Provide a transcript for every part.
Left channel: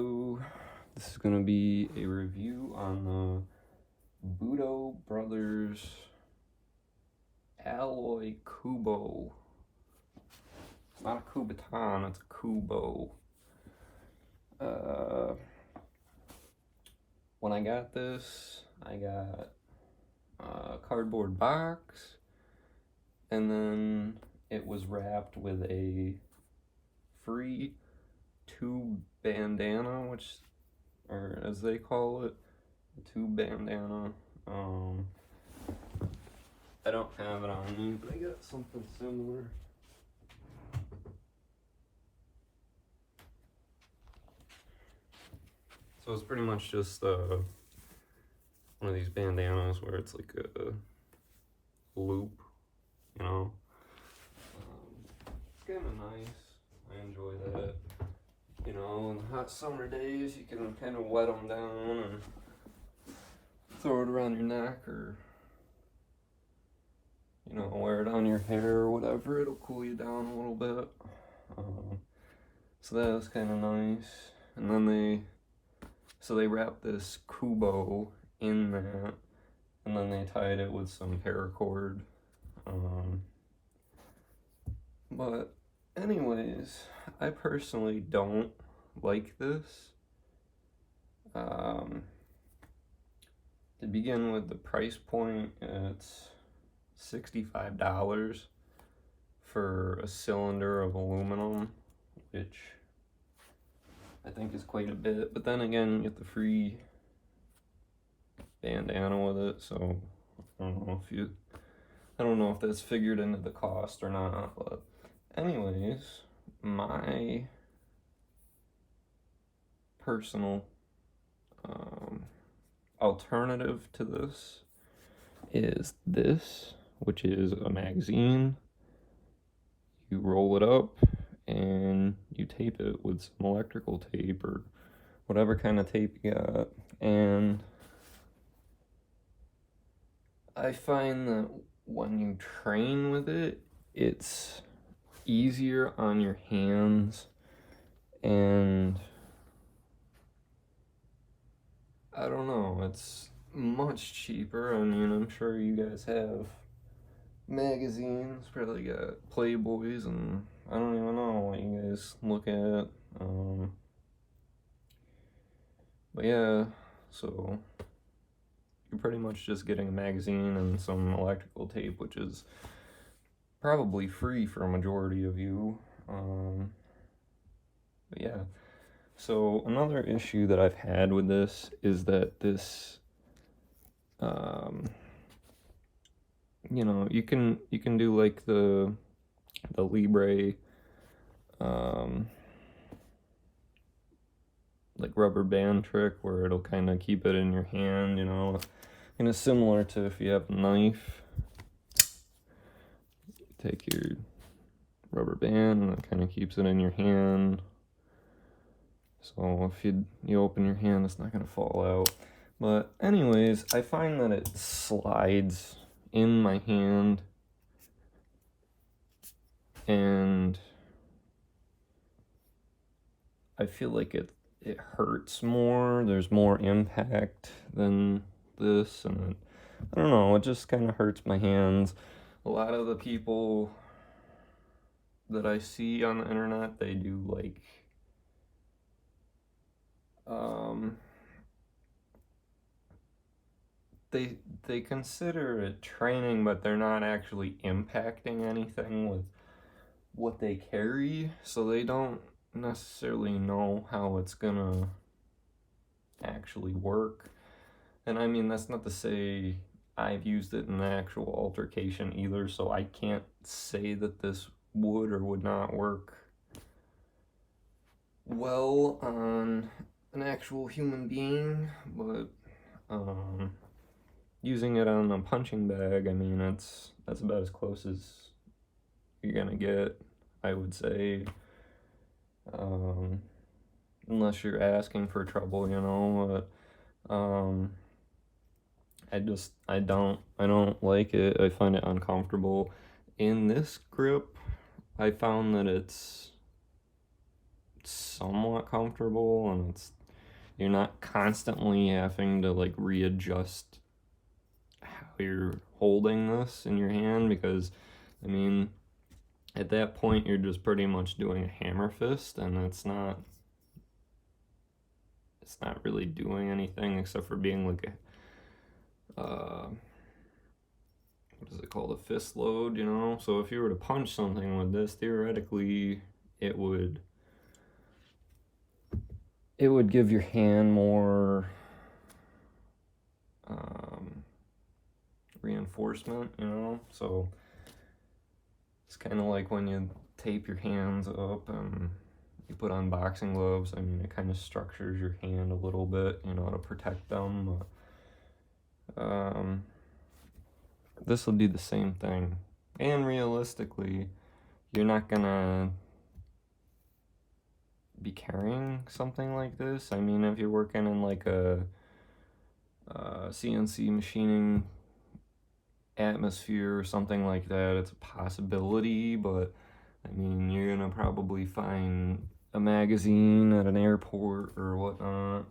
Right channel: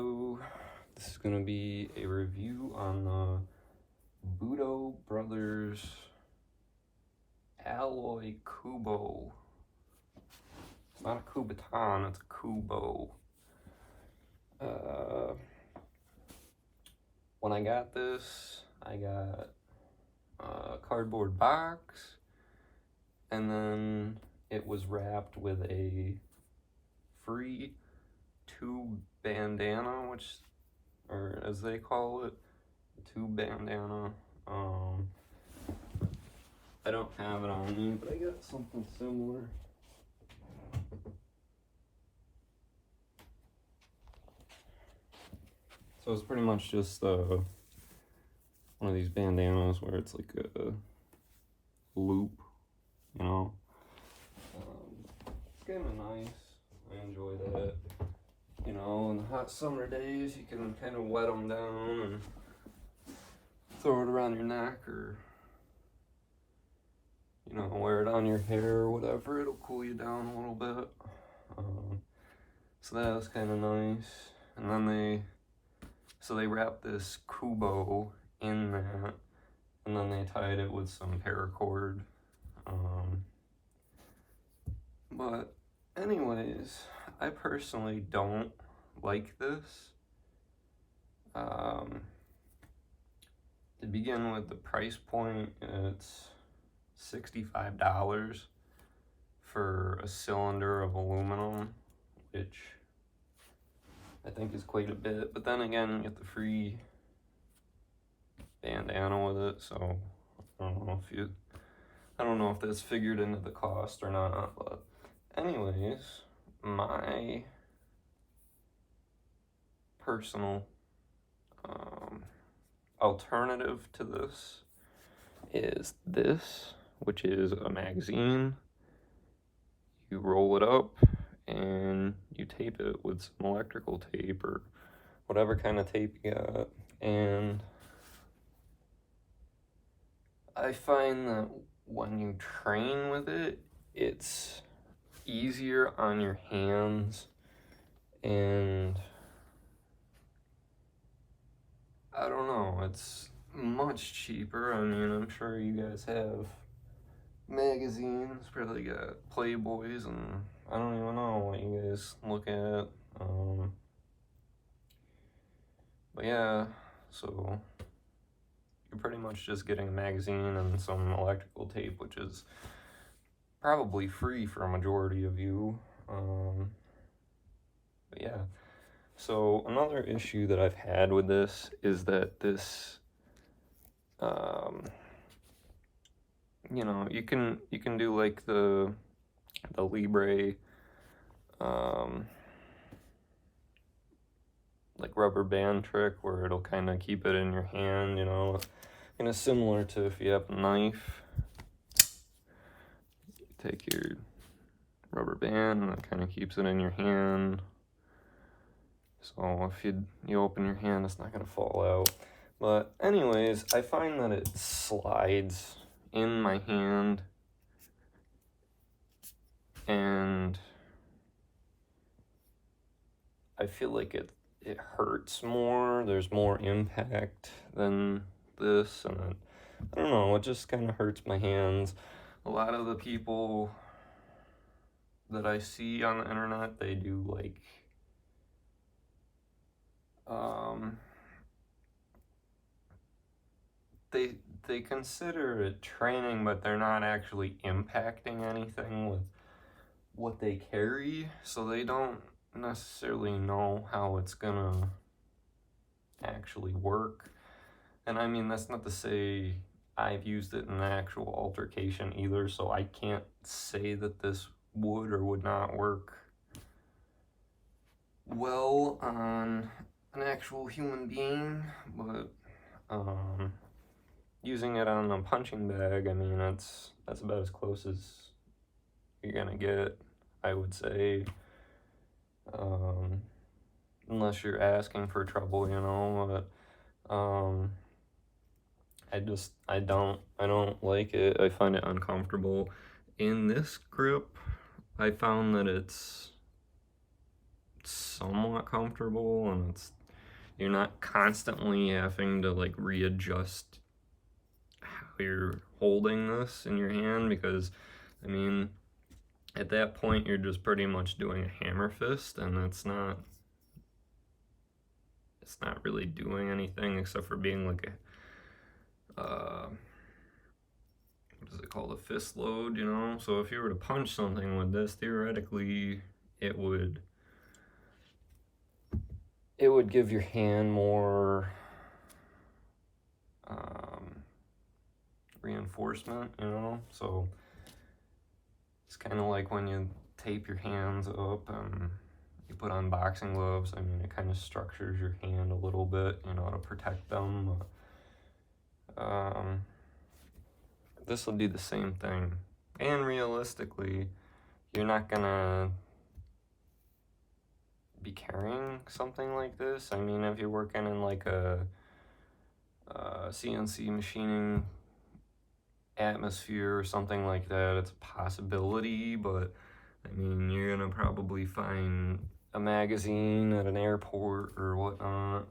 Hello, this is going to be a review on the Budo Brothers Alloy Kubo. It's not a Kubotan, it's a Kubo. When I got this, I got a cardboard box, and then it was wrapped with a free tube bandana, or as they call it, tube bandana. I don't have it on me, but I got something similar. So it's pretty much just one of these bandanas where it's like a loop, you know. It's kind of nice. I enjoy that. You know, in the hot summer days, you can kind of wet them down and throw it around your neck, or, you know, wear it on your hair or whatever. It'll cool you down a little bit. So that was kind of nice. And then they wrapped this Kubo in that, and then they tied it with some paracord. But anyways, I personally don't like this. To begin with, the price point, it's $65 for a cylinder of aluminum, which I think is quite a bit. But then again, you get the free bandana with it, so I don't know if that's figured into the cost or not. But anyways, my personal alternative to this is this, which is a magazine. You roll it up and you tape it with some electrical tape or whatever kind of tape you got. And I find that when you train with it, it's easier on your hands, and I don't know, it's much cheaper. I mean, I'm sure you guys have magazines, probably got Playboys, and I don't even know what you guys look at. But yeah, so you're pretty much just getting a magazine and some electrical tape, which is probably free for a majority of you. But yeah, so another issue that I've had with this is that this, you know, you can do like the Libre, like rubber band trick where it'll kind of keep it in your hand, you know, kind of similar to if you have a knife. Take your rubber band and it kind of keeps it in your hand. So if you open your hand, it's not gonna fall out. But anyways, I find that it slides in my hand, and I feel like it hurts more. There's more impact than this, and I don't know, it just kind of hurts my hands. A lot of the people that I see on the internet, they do like they consider it training, but they're not actually impacting anything with what they carry, so they don't necessarily know how it's gonna actually work. And I mean, that's not to say I've used it in an actual altercation either, so I can't say that this would or would not work well on an actual human being. But using it on a punching bag, I mean, that's about as close as you're gonna get, I would say, unless you're asking for trouble, you know. But I don't like it. I find it uncomfortable. In this grip, I found that it's somewhat comfortable, and you're not constantly having to like readjust how you're holding this in your hand, because I mean, at that point you're just pretty much doing a hammer fist, and it's not really doing anything except for being like a what is it called, a fist load, you know? So if you were to punch something with this, theoretically it would give your hand more reinforcement, you know? So it's kind of like when you tape your hands up and you put on boxing gloves. I mean, it kind of structures your hand a little bit, you know, to protect them. This will do the same thing. And realistically, you're not gonna be carrying something like this. I mean, if you're working in like a CNC machining atmosphere or something like that, it's a possibility, but I mean, you're gonna probably find a magazine at an airport or whatnot.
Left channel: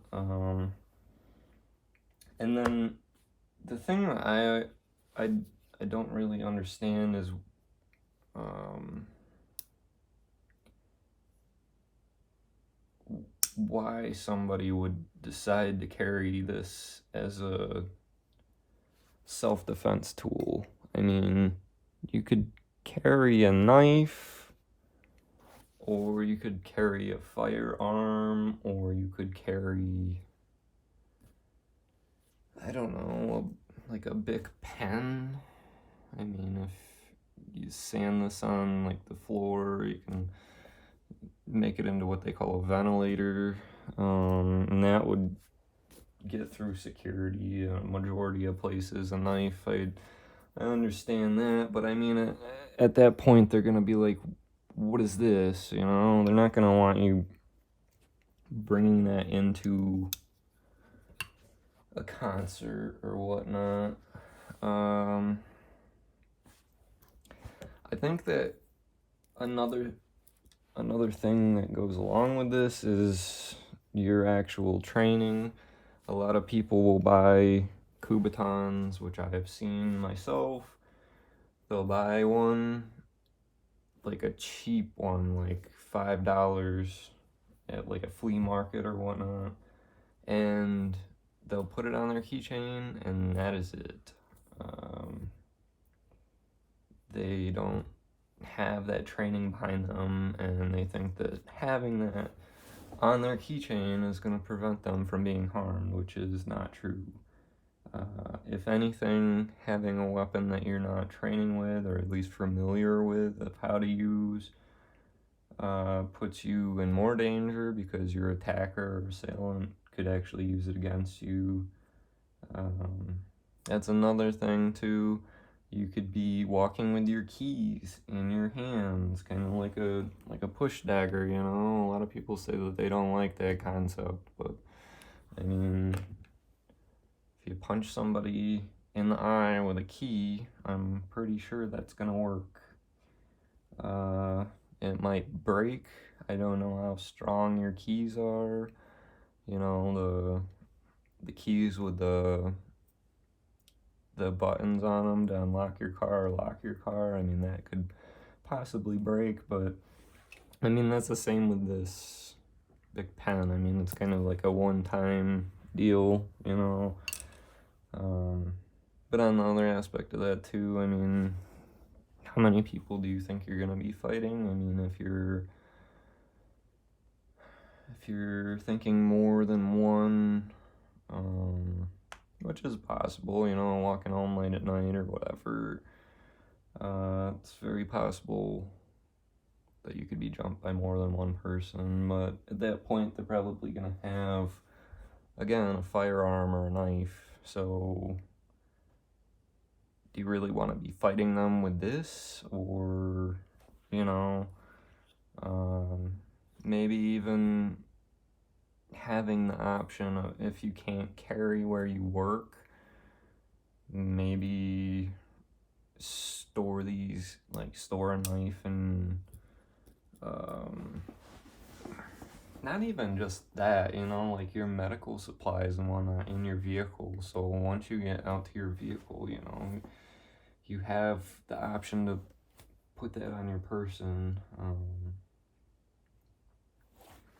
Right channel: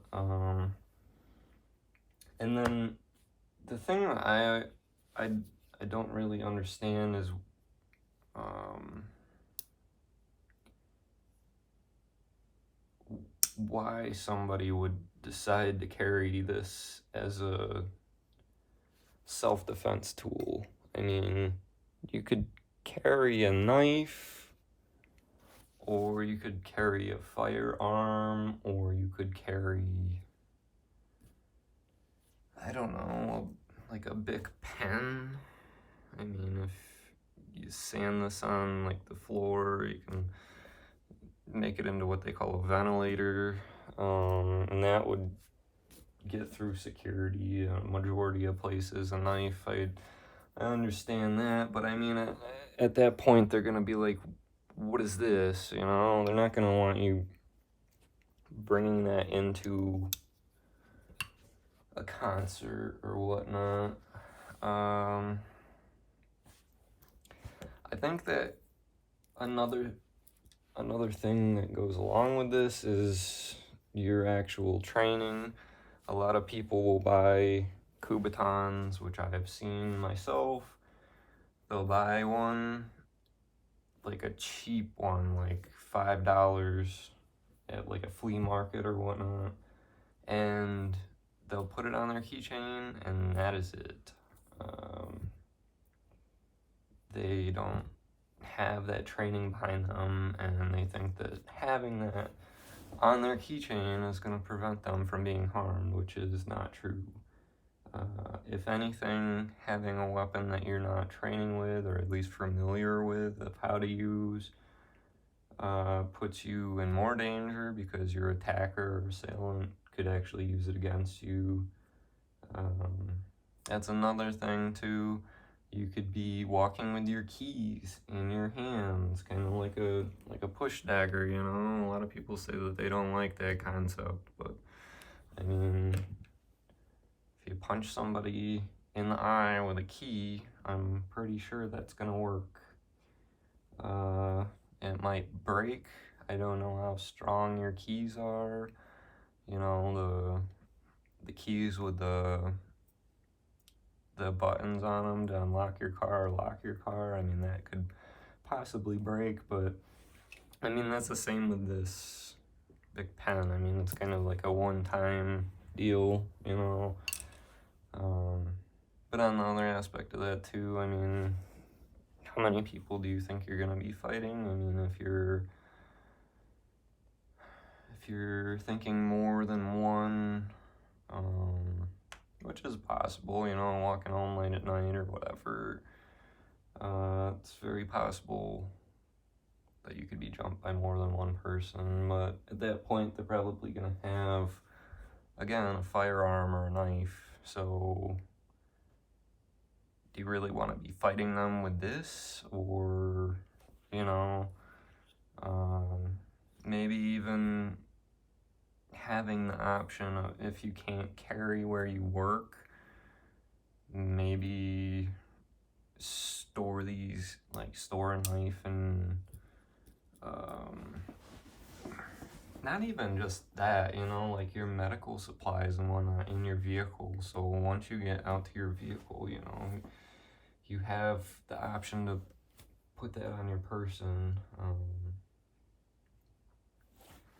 And then the thing that I don't really understand is why somebody would decide to carry this as a self-defense tool. I mean, you could carry a knife, or you could carry a firearm, or you could carry, I don't know, like a big pen. I mean, if you sand this on like the floor, you can make it into what they call a ventilator, and that would get through security in a majority of places. A knife, I understand that, but I mean, at that point they're gonna be like, what is this, you know? They're not gonna want you bringing that into a concert or whatnot. I think that another thing that goes along with this is your actual training. A lot of people will buy Kubotans, which I have seen myself. They'll buy one, like a cheap one, like $5 at like a flea market or whatnot, and they'll put it on their keychain, and that is it. They don't have that training behind them, and they think that having that on their keychain is going to prevent them from being harmed, which is not true. If anything, having a weapon that you're not training with, or at least familiar with of how to use, puts you in more danger, because your attacker or assailant could actually use it against you. That's another thing too. You could be walking with your keys in your hands, kind of like a push dagger, you know? A lot of people say that they don't like that concept, but I mean, if you punch somebody in the eye with a key, I'm pretty sure that's gonna work. It might break. I don't know how strong your keys are. You know, the keys with the buttons on them to unlock your car or lock your car. I mean, that could possibly break, but I mean, that's the same with this big pen. I mean, it's kind of like a one-time deal, you know. But on the other aspect of that too, I mean, how many people do you think you're gonna be fighting? I mean, if you're thinking more than one, which is possible, you know, walking home late at night or whatever, it's very possible that you could be jumped by more than one person. But at that point, they're probably gonna have, again, a firearm or a knife. So do you really want to be fighting them with this? Or, you know, maybe even having the option of, if you can't carry where you work, maybe store a knife and not even just that, you know, like your medical supplies and whatnot in your vehicle. So once you get out to your vehicle, you know, you have the option to put that on your person.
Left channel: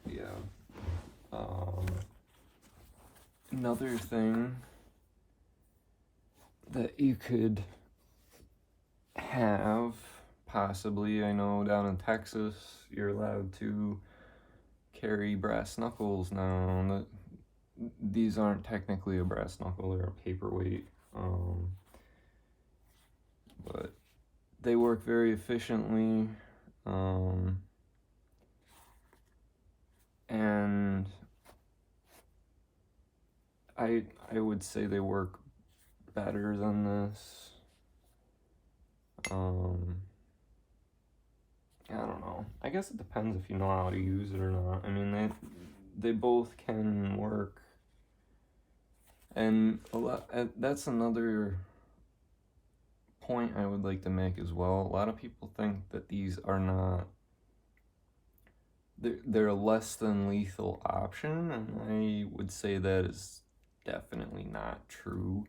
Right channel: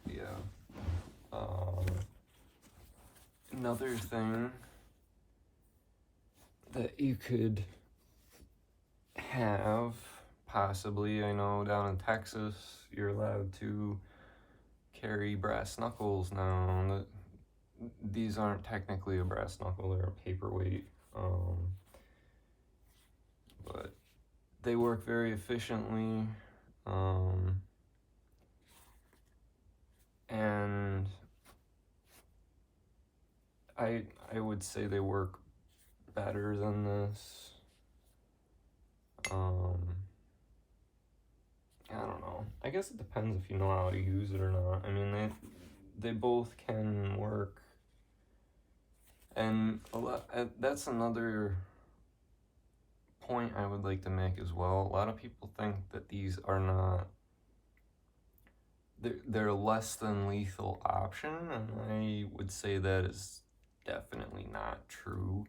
Yeah. Another thing that you could have, possibly, I know down in Texas, you're allowed to carry brass knuckles now. These aren't technically a brass knuckle, they're a paperweight. But they work very efficiently. And I would say they work better than this. I don't know. I guess it depends if you know how to use it or not. I mean, they both can work. And that's another point I would like to make as well. A lot of people think that these are not, they're a less than lethal option, and I would say that is definitely not true.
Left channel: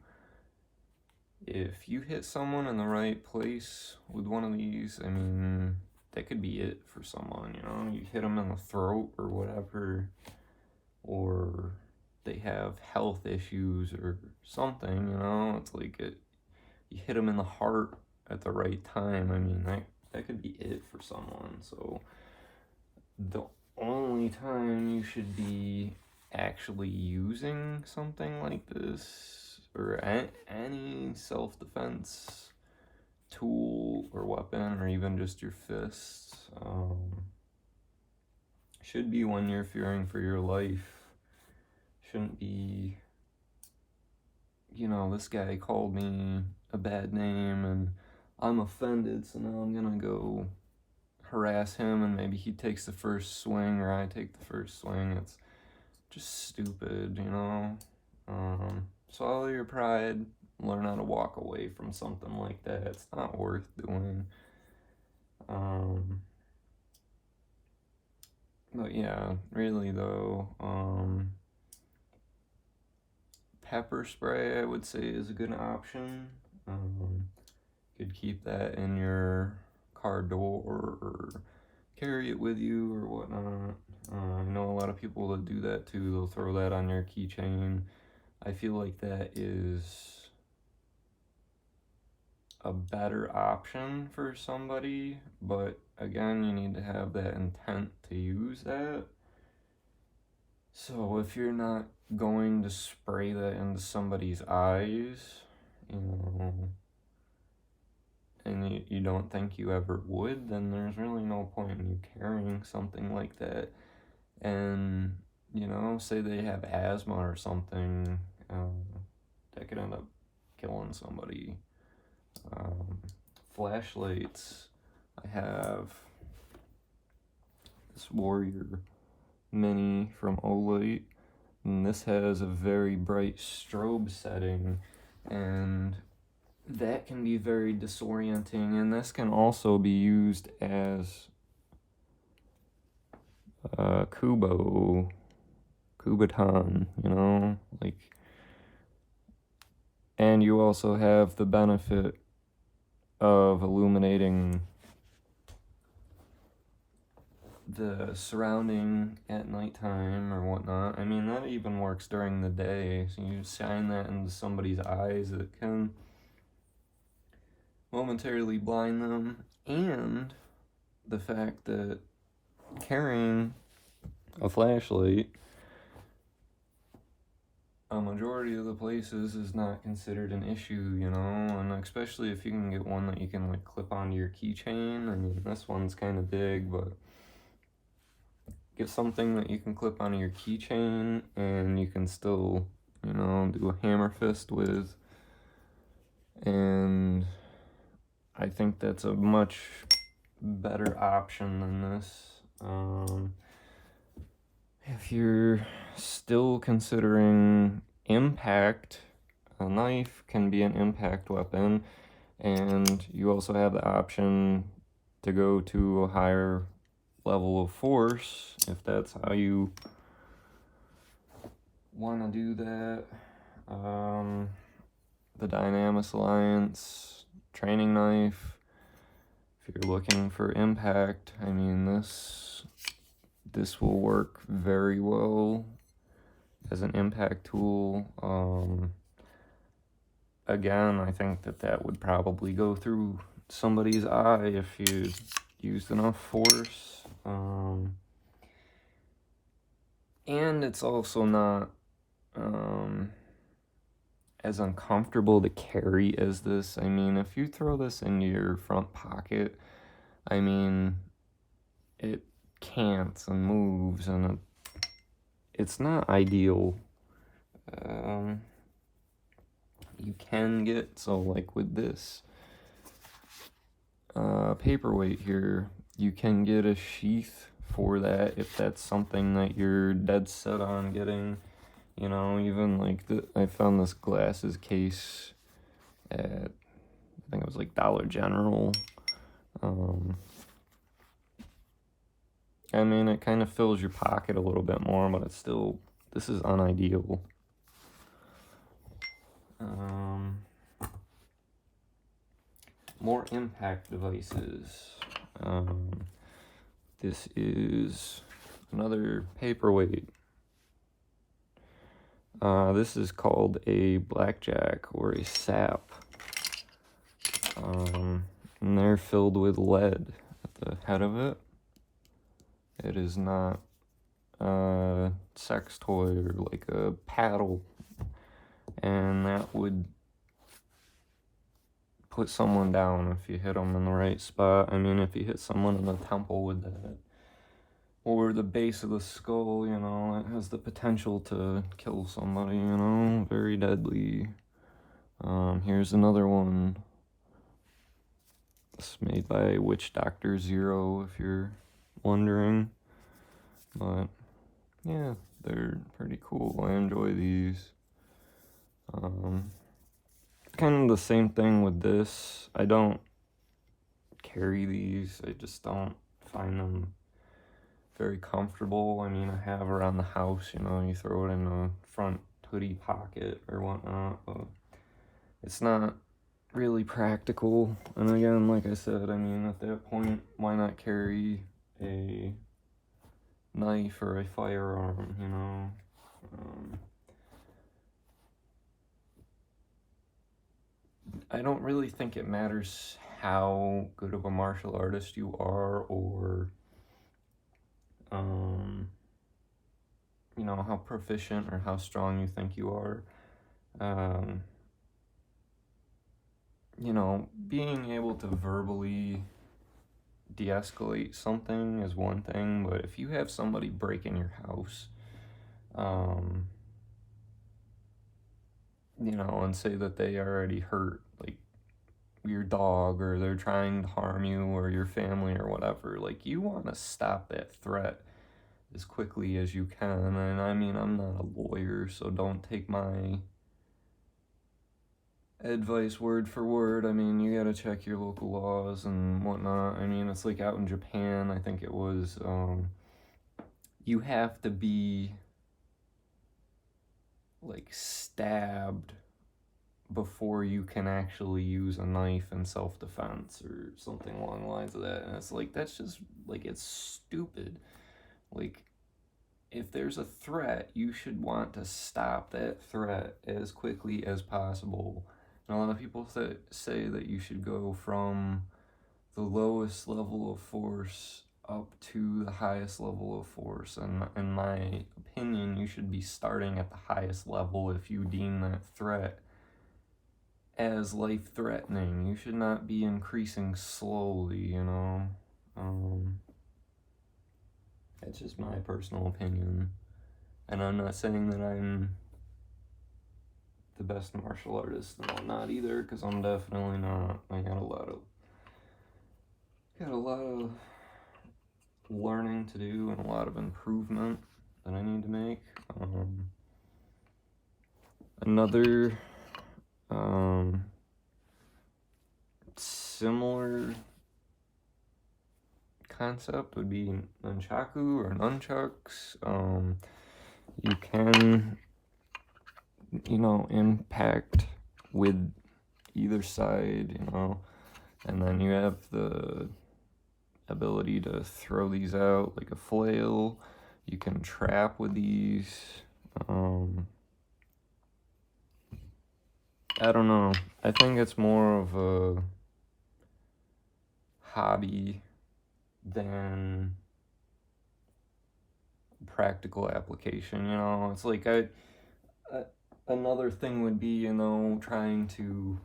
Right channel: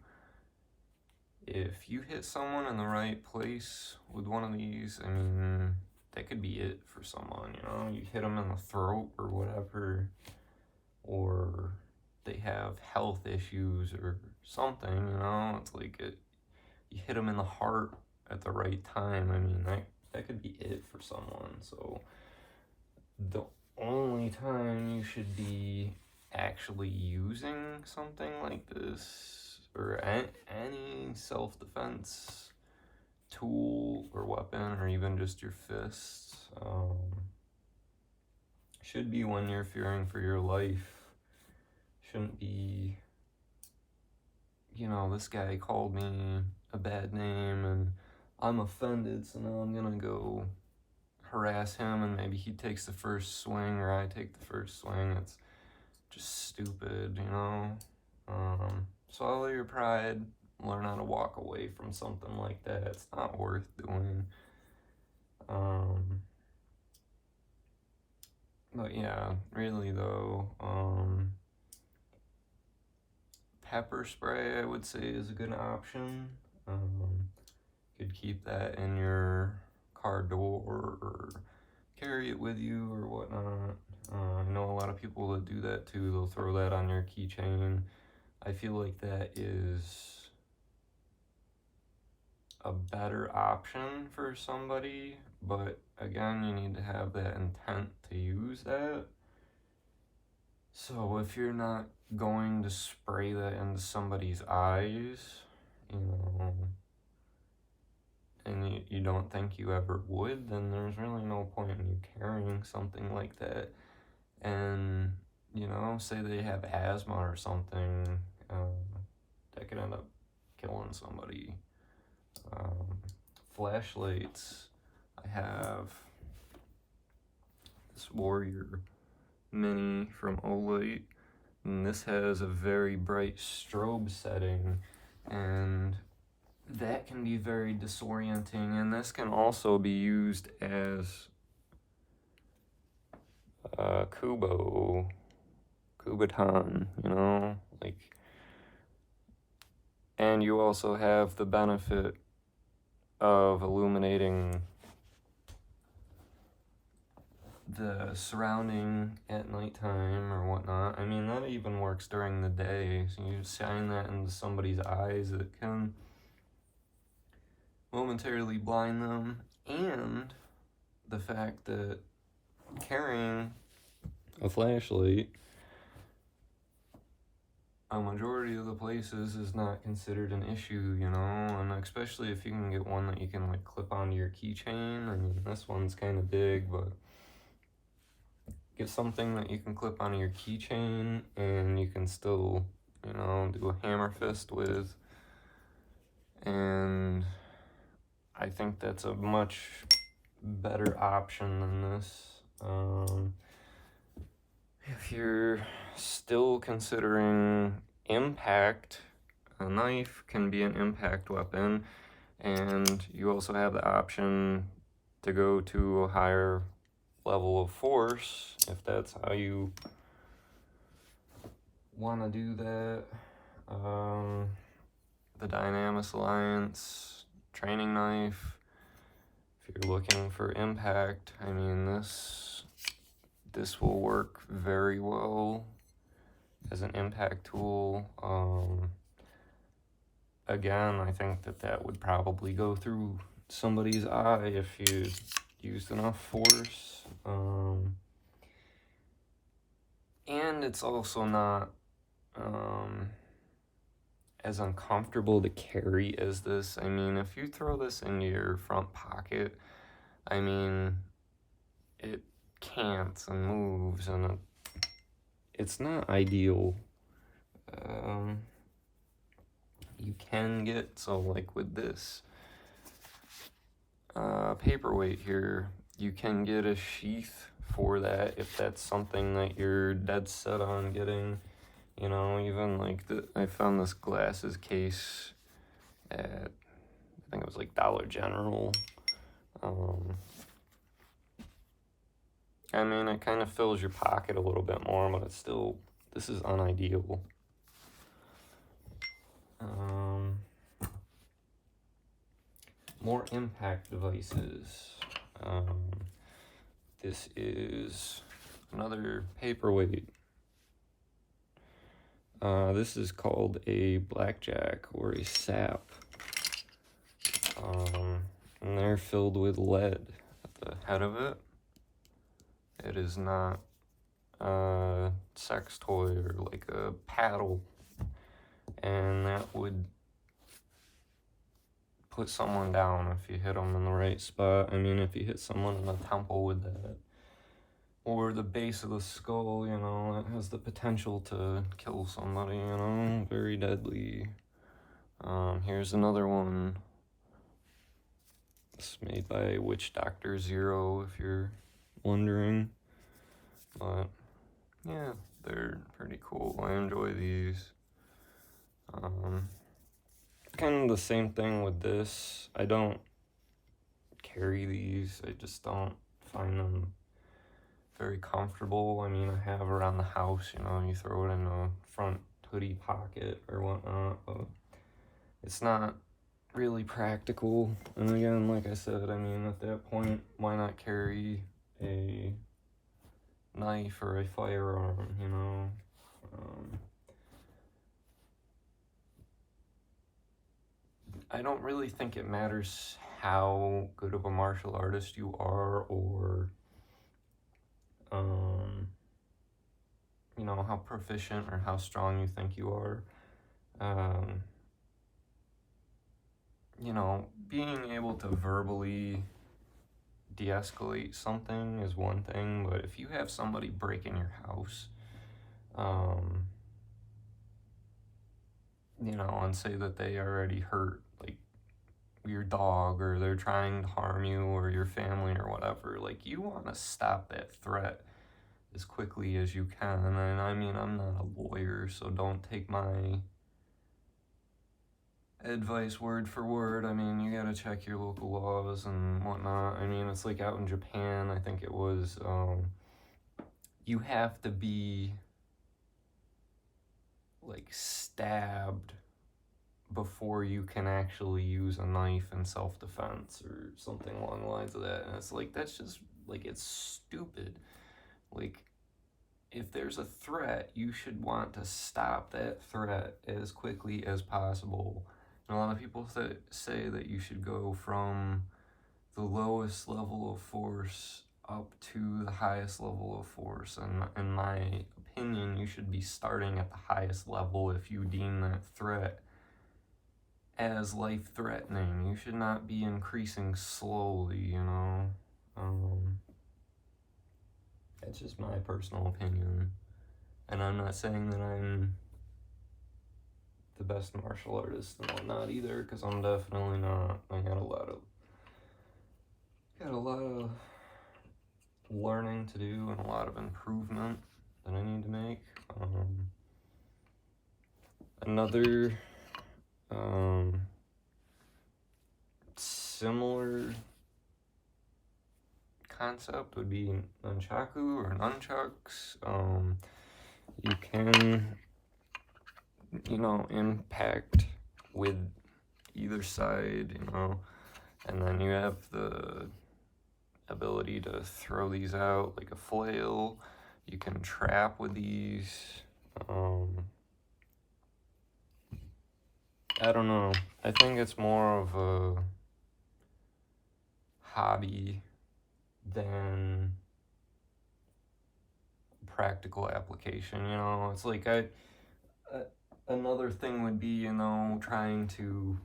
If you hit someone in the right place with one of these, I mean, that could be it for someone, you know? You hit them in the throat or whatever, or they have health issues or something, you know? It's like you hit them in the heart at the right time. I mean, that could be it for someone. So the only time you should be actually using something like this, or any self-defense tool or weapon, or even just your fists, should be when you're fearing for your life. Shouldn't be, you know, this guy called me a bad name and I'm offended, so now I'm gonna go harass him, and maybe he takes the first swing or I take the first swing. It's just stupid, you know? Swallow your pride, learn how to walk away from something like that. It's not worth doing. But yeah, really though, pepper spray I would say is a good option. You could keep that in your car door or carry it with you or whatnot. I know a lot of people that do that too. They'll throw that on your keychain. I feel like that is a better option for somebody, but again, you need to have that intent to use that. So if you're not going to spray that into somebody's eyes, you know, and you don't think you ever would, then there's really no point in you carrying something like that. And, you know, say they have asthma or something, that could end up killing somebody. Flashlights, I have this Warrior Mini from Olight, and this has a very bright strobe setting, and that can be very disorienting, and this can also be used as Kubotan, you know, like, and you also have the benefit of illuminating the surrounding at nighttime or whatnot. I mean, that even works during the day. So you shine that into somebody's eyes, it can momentarily blind them. And the fact that carrying a flashlight a majority of the places is not considered an issue, you know, and especially if you can get one that you can like clip onto your keychain. I mean, this one's kind of big, but get something that you can clip onto your keychain and you can still, you know, do a hammer fist with. And I think that's a much better option than this. If you're still considering impact, a knife can be an impact weapon, and you also have the option to go to a higher level of force, if that's how you want to do that. The Dynamis Alliance training knife, if you're looking for impact, I mean, this will work very well as an impact tool. Again, I think that would probably go through somebody's eye if you used enough force. And it's also not as uncomfortable to carry as this. I mean, if you throw this into your front pocket, I mean, it cants and moves, and it's not ideal. You can get, so like with this paperweight here, you can get a sheath for that if that's something that you're dead set on getting. You know, even like I found this glasses case at, I think it was like Dollar General. I mean, it kind of fills your pocket a little bit more, but it's still, this is unideal. More impact devices. This is another paperweight. This is called a blackjack or a sap. And they're filled with lead at the head of it. It is not a sex toy or like a paddle. And that would put someone down if you hit them in the right spot. I mean, if you hit someone in the temple with that, or the base of the skull, you know, it has the potential to kill somebody, you know, very deadly. Here's another one. It's made by Witch Doctor Zero, if you're wondering. But yeah, they're pretty cool. I enjoy these. Kind of the same thing with this. I don't carry these. I just don't find them very comfortable. I mean, I have around the house, you know, you throw it in a front hoodie pocket or whatnot, but it's not really practical. And again, like I said, I mean, at that point, why not carry a knife or a firearm, you know? I don't really think it matters how good of a martial artist you are, or you know, how proficient or how strong you think you are. You know, being able to verbally de-escalate something is one thing, but if you have somebody break in your house, you know, and say that they already hurt, like, your dog, or they're trying to harm you or your family or whatever, like, you want to stop that threat as quickly as you can. And I mean, I'm not a lawyer, so don't take my advice word for word. I mean, you gotta check your local laws and whatnot. I mean, it's like out in Japan, I think it was, you have to be like stabbed before you can actually use a knife in self-defense or something along the lines of that. And it's like, that's just like, it's stupid. Like, if there's a threat, you should want to stop that threat as quickly as possible. And a lot of people say that you should go from the lowest level of force up to the highest level of force. And in my opinion, you should be starting at the highest level if you deem that threat as life-threatening. You should not be increasing slowly, you know? That's just my personal opinion. And I'm not saying that I'm the best martial artist and whatnot either, because I'm definitely not. I got a lot of learning to do and a lot of improvement that I need to make. Another similar concept would be nunchaku or nunchucks. You can, impact with either side, and then you have the ability to throw these out like a flail. You can trap with these. I don't know. I think it's more of a hobby than practical application. It's like another thing would be, trying to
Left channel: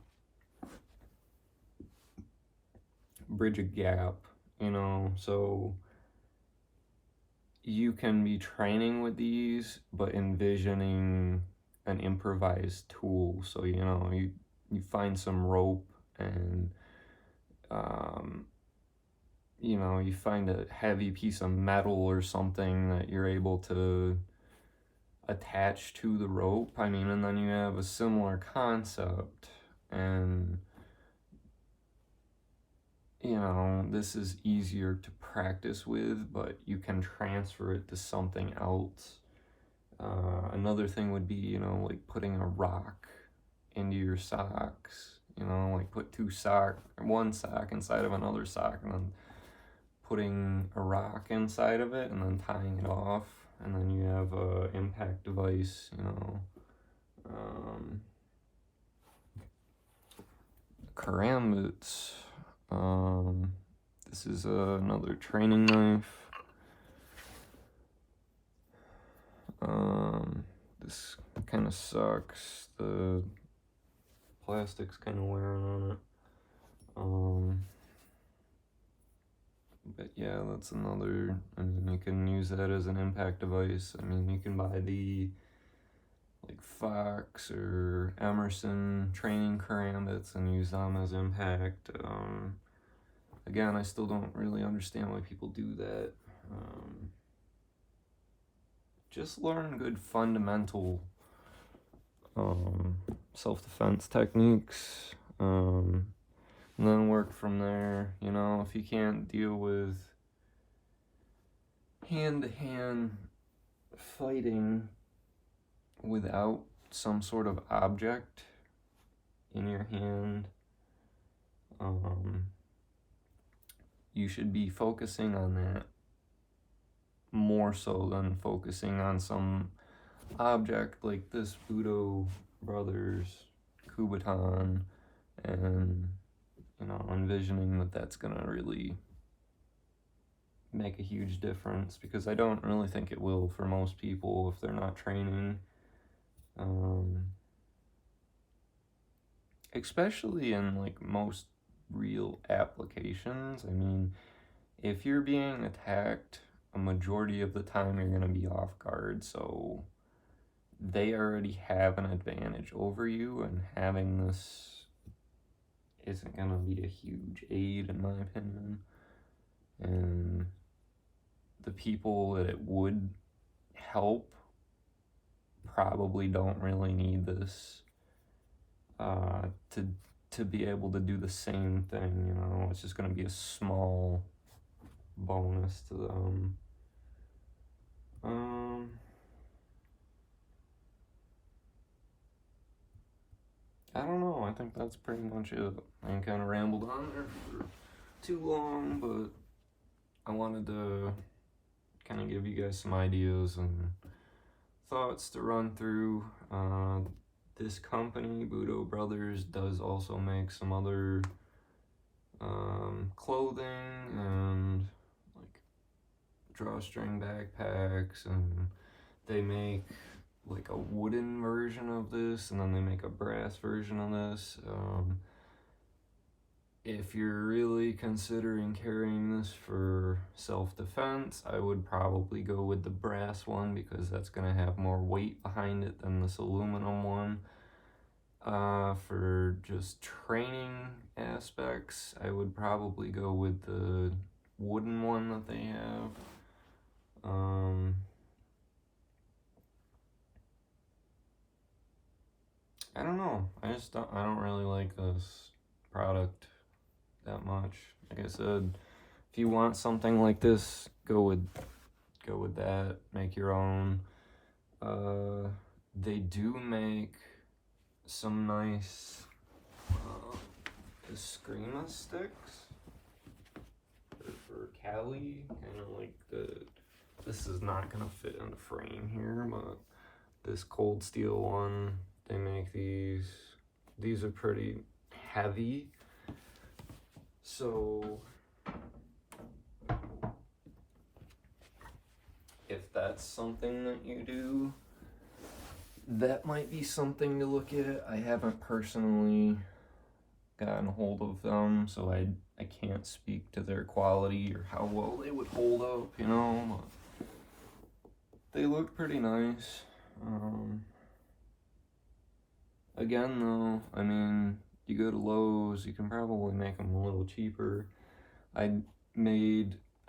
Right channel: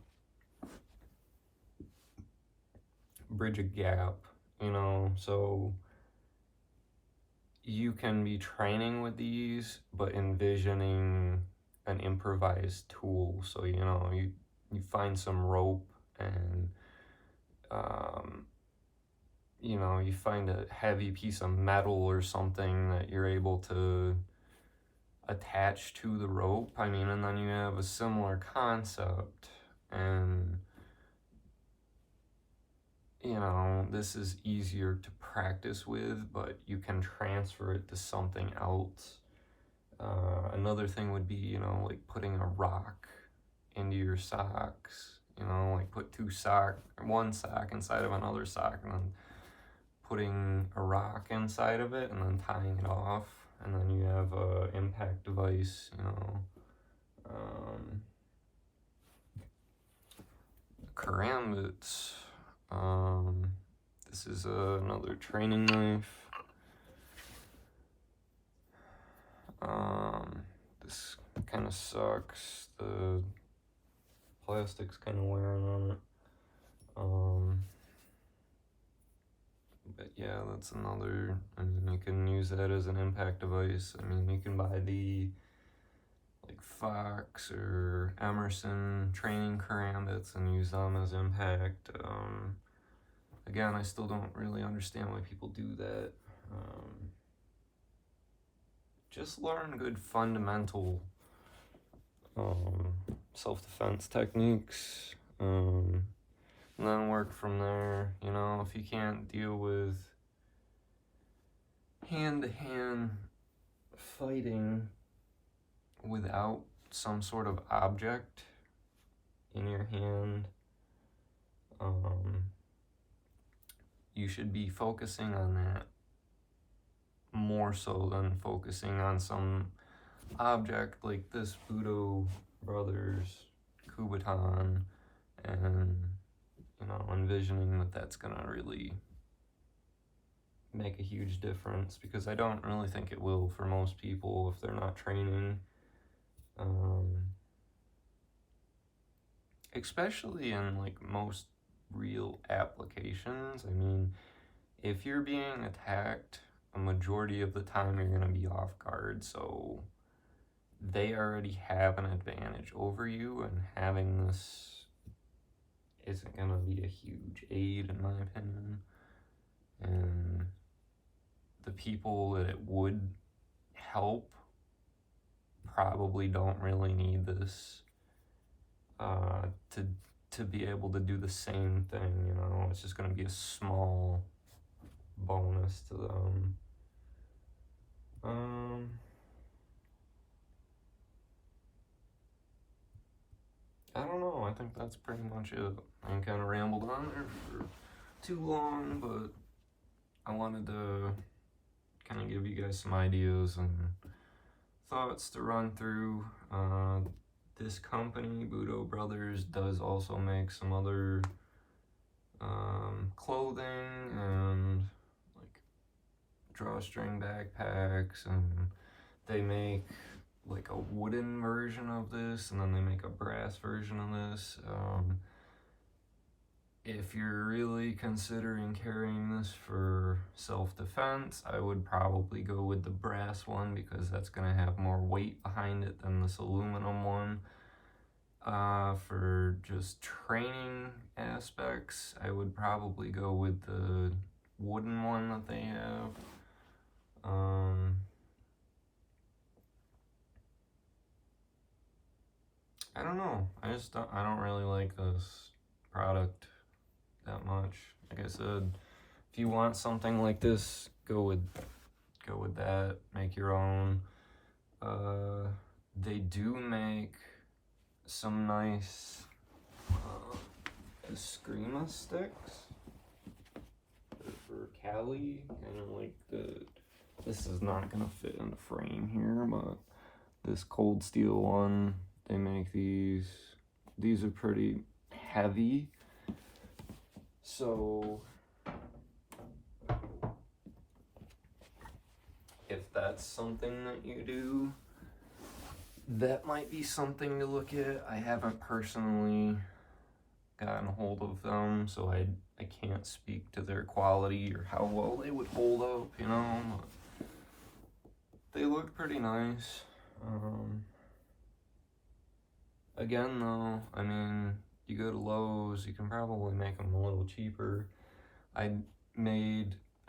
bridge a gap, so you can be training with these, but envisioning an improvised tool. So, you find some rope and, you find a heavy piece of metal or something that you're able to attach to the rope. And then you have a similar concept, and this is easier to practice with, but you can transfer it to something else. Another thing would be, like putting a rock into your socks, like put one sock inside of another sock, and then putting a rock inside of it, and then tying it off, and then you have a impact device, karambits. This is another training knife. This kind of sucks. The plastic's kind of wearing on it. But yeah, that's another. You can use that as an impact device. You can buy the like Fox or Emerson training karambits and use them as impact. Again, I still don't really understand why people do that. Just learn good fundamental self-defense techniques, and then work from there. If you can't deal with hand-to-hand fighting without some sort of object in your hand, you should be focusing on that more so than focusing on some object like this Budo Brothers Kubotan, and envisioning that that's gonna really make a huge difference, because I don't really think it will for most people if they're not training. Especially in like most real applications. If you're being attacked, a majority of the time you're gonna be off guard, so they already have an advantage over you, and having this isn't gonna be a huge aid in my opinion. And the people that it would help probably don't really need this to be able to do the same thing. It's just gonna be a small bonus to them. I don't know. I think that's pretty much it. I kind of rambled on there for too long, but I wanted to kind of give you guys some ideas and thoughts to run through. This company, Budo Brothers, does also make some other clothing and like drawstring backpacks, and they make like a wooden version of this, and then they make a brass version of this. If you're really considering carrying this for self-defense, I would probably go with the brass one, because that's going to have more weight behind it than this aluminum one. For just training aspects, I would probably go with the wooden one that they have. I don't know. I don't really like this product that much. Like I said, if you want something like this, go with that. Make your own. They do make some nice Eskrima sticks for Cali, kind of like this is not gonna fit in the frame here, but this cold steel one, they make these are pretty heavy, so if that's something that you do, that might be something to look at. I haven't personally gotten a hold of them, so I can't speak to their quality or how well they would hold up, you know. They look pretty nice. Again though, I mean, you go to Lowe's, you can probably make them a little cheaper. I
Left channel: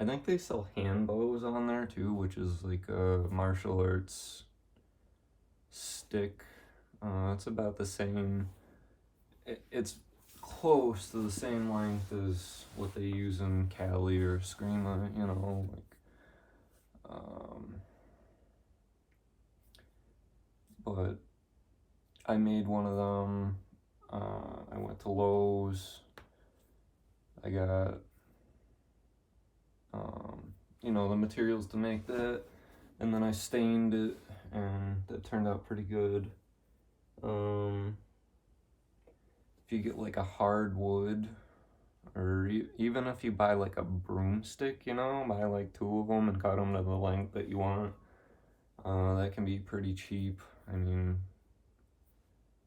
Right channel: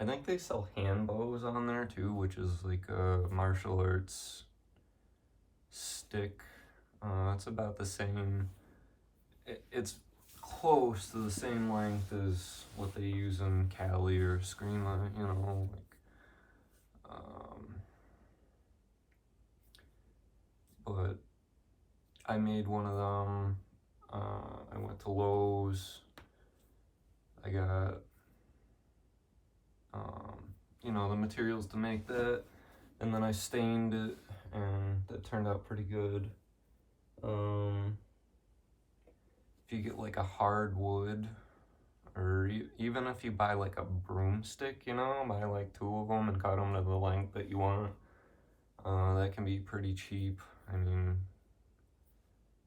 think they sell hand bows on there too, which is like a martial arts stick. It's about the same. It's close to the same length as what they use in Cali or Screama, you know, like, but I made one of them. I went to Lowe's. I got, you know, the materials to make that, and then I stained it, and that turned out pretty good. If you get like a hardwood, or even if you buy like a broomstick, you know, buy like 2 of them and cut them to the length that you want, that can be pretty cheap. I mean,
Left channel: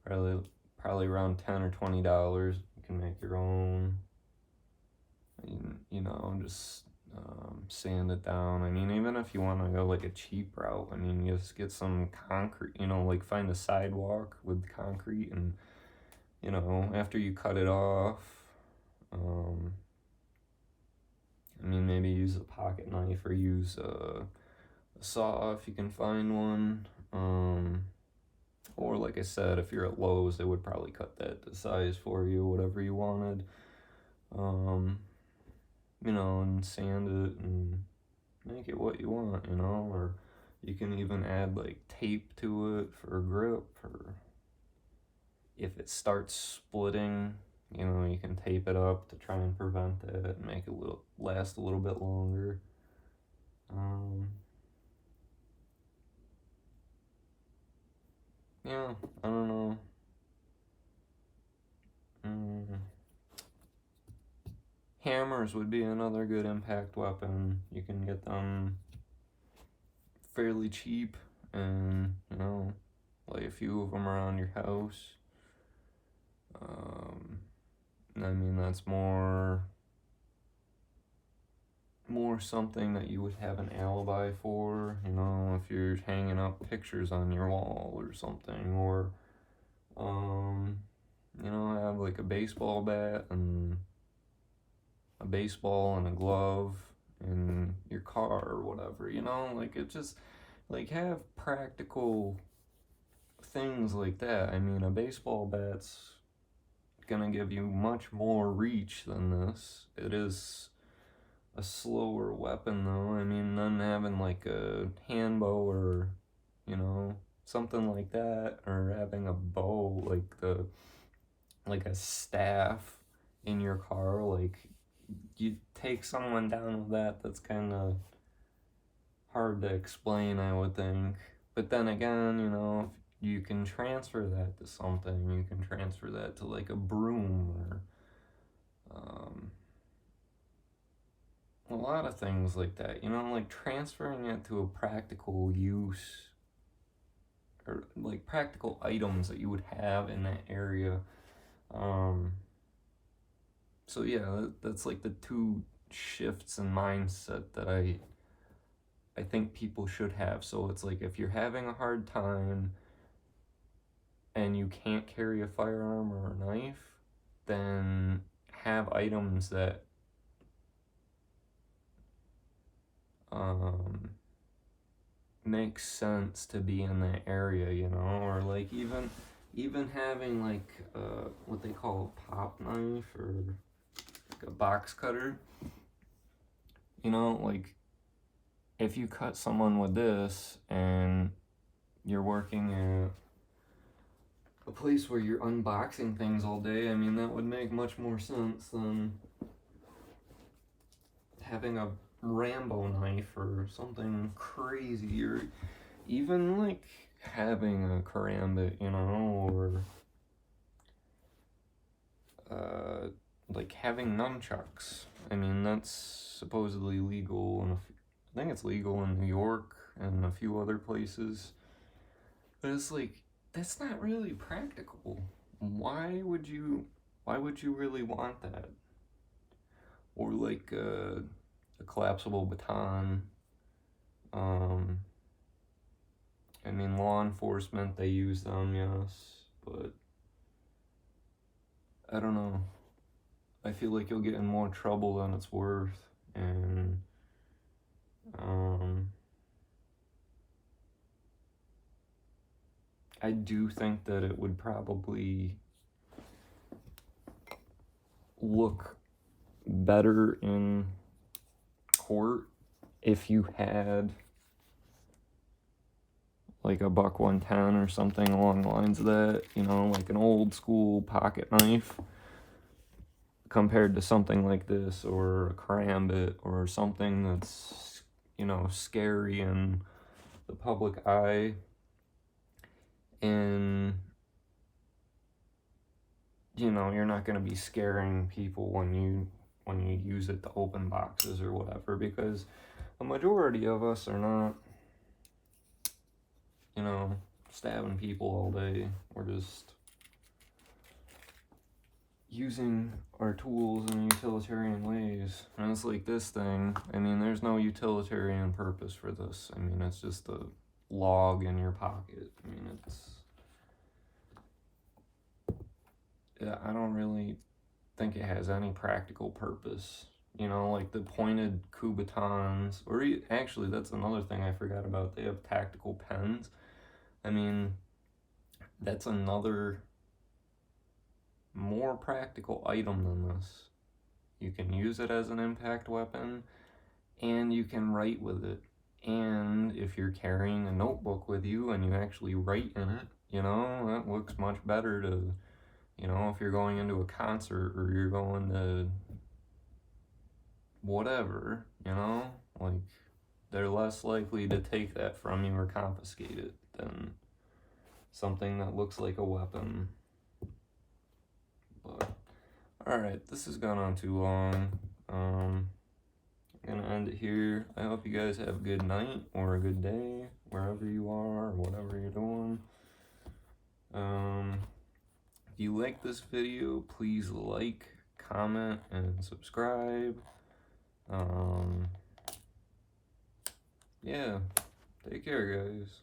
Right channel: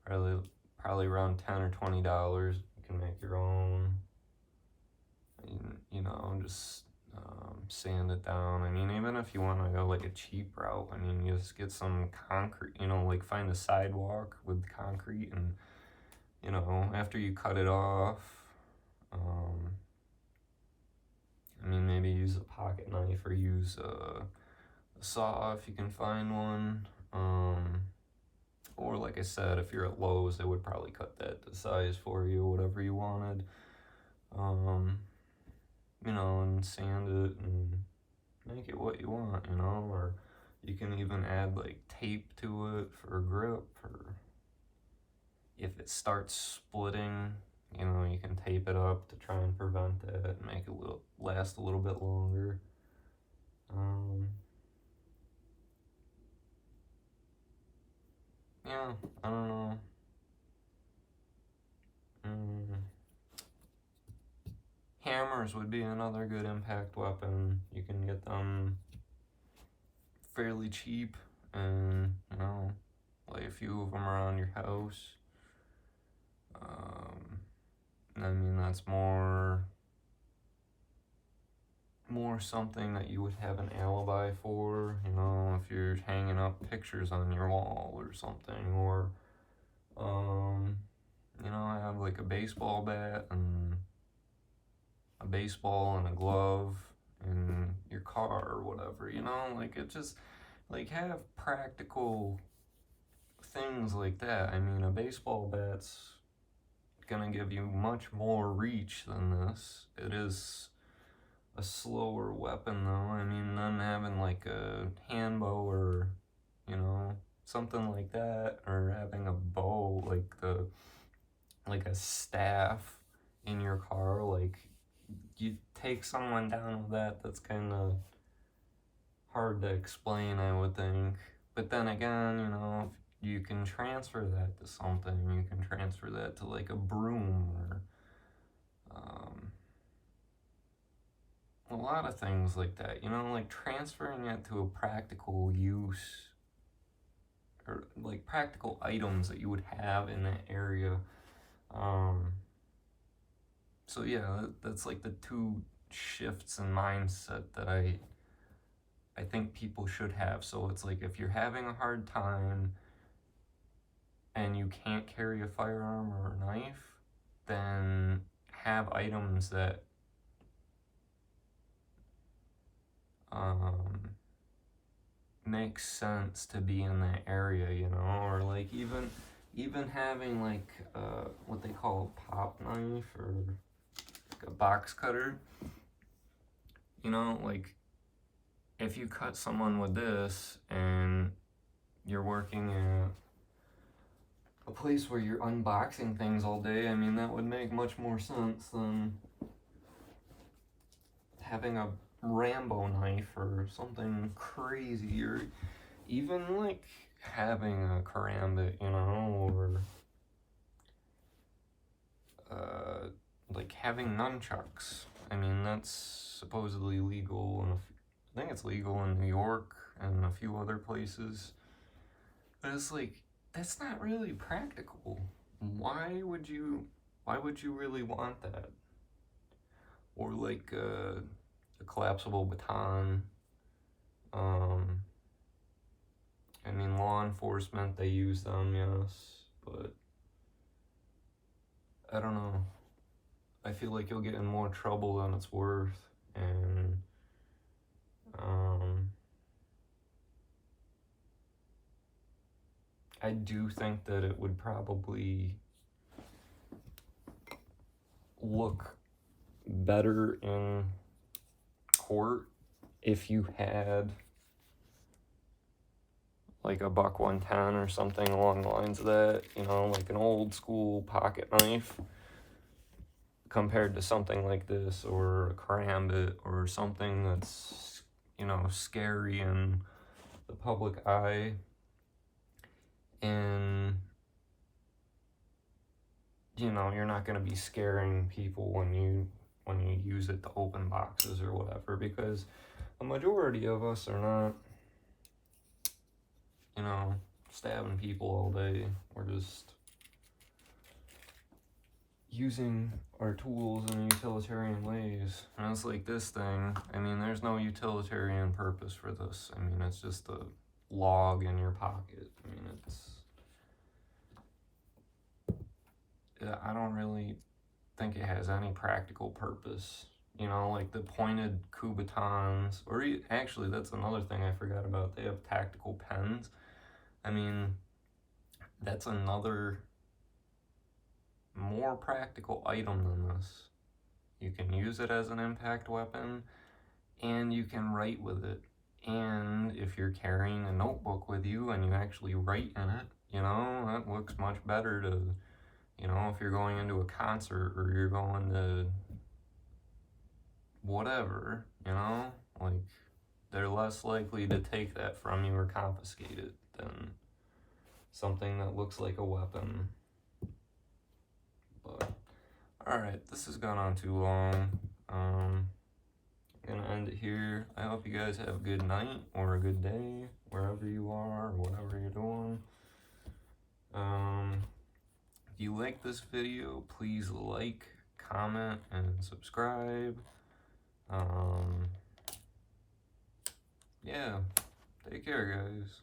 probably around $10 or $20. You can make your own, you know, just sand it down. I mean, even if you want to go like a cheap route, I mean, you just get some concrete, you know, like find a sidewalk with concrete, and, you know, after you cut it off, I mean, maybe use a pocket knife or use a saw if you can find one. Or like I said, if you're at Lowe's, they would probably cut that to size for you, whatever you wanted. You know, and sand it and make it what you want, you know, or you can even add like tape to it for a grip, or if it starts splitting, you know, you can tape it up to try and prevent that and make it last a little bit longer. Yeah, I don't know. Hammers would be another good impact weapon. You can get them fairly cheap, and, you know, lay a few of them around your house. I mean, that's more something that you would have an alibi for, you know, if you're hanging up pictures on your wall or something, or, you know, have like a baseball bat and a baseball and a glove in your car or whatever, you know, like, it just, like, have practical things like that. I mean, a baseball bat's gonna give you much more reach than this. It is a slower weapon though. I mean, than having like a hand bow or, you know, something like that, or having a bow, like a staff in your car. Like, you take someone down with that, that's kind of hard to explain, I would think. But then again, you know, if you can transfer that to something, you can transfer that to like a broom, or a lot of things like that, you know, like transferring it to a practical use, or like practical items that you would have in that area. So yeah, that's like the 2 shifts in mindset that I think people should have. So it's like, if you're having a hard time and you can't carry a firearm or a knife, then have items that makes sense to be in that area, you know, or like even having like what they call a pop knife, or like a box cutter. You know, like, if you cut someone with this and you're working at a place where you're unboxing things all day, I mean, that would make much more sense than having a Rambo knife or something crazy, or even like having a karambit, you know, or like having nunchucks. I mean, that's supposedly legal, and I think it's legal in New York and a few other places. But it's like, that's not really practical. Why would you really want that? Or like a collapsible baton. I mean, law enforcement, they use them, yes, but I don't know. I feel like you'll get in more trouble than it's worth, and I do think that it would probably look better in court if you had like a buck 110 or something along the lines of that, you know, like an old school pocket knife, compared to something like this, or a karambit, or something that's, you know, scary in the public eye. And, you know, you're not going to be scaring people when you use it to open boxes or whatever, because the majority of us are not, you know, stabbing people all day. We're just using our tools in utilitarian ways. And it's like this thing, I mean, there's no utilitarian purpose for this. I mean, it's just a log in your pocket. I mean, I don't really think it has any practical purpose. You know, like the pointed Kubotans, or actually, that's another thing I forgot about. They have tactical pens. I mean, that's another more practical item than this. You can use it as an impact weapon, and you can write with it. And if you're carrying a notebook with you and you actually write in it, you know, that looks much better to, you know, if you're going into a concert or you're going to whatever, you know, like, they're less likely to take that from you or confiscate it than something that looks like a weapon. But, alright, this has gone on too long. I'm gonna end it here. I hope you guys have a good night or a good day, wherever you are, or whatever you're doing. If you like this video, please like, comment, and subscribe. Yeah, take care, guys.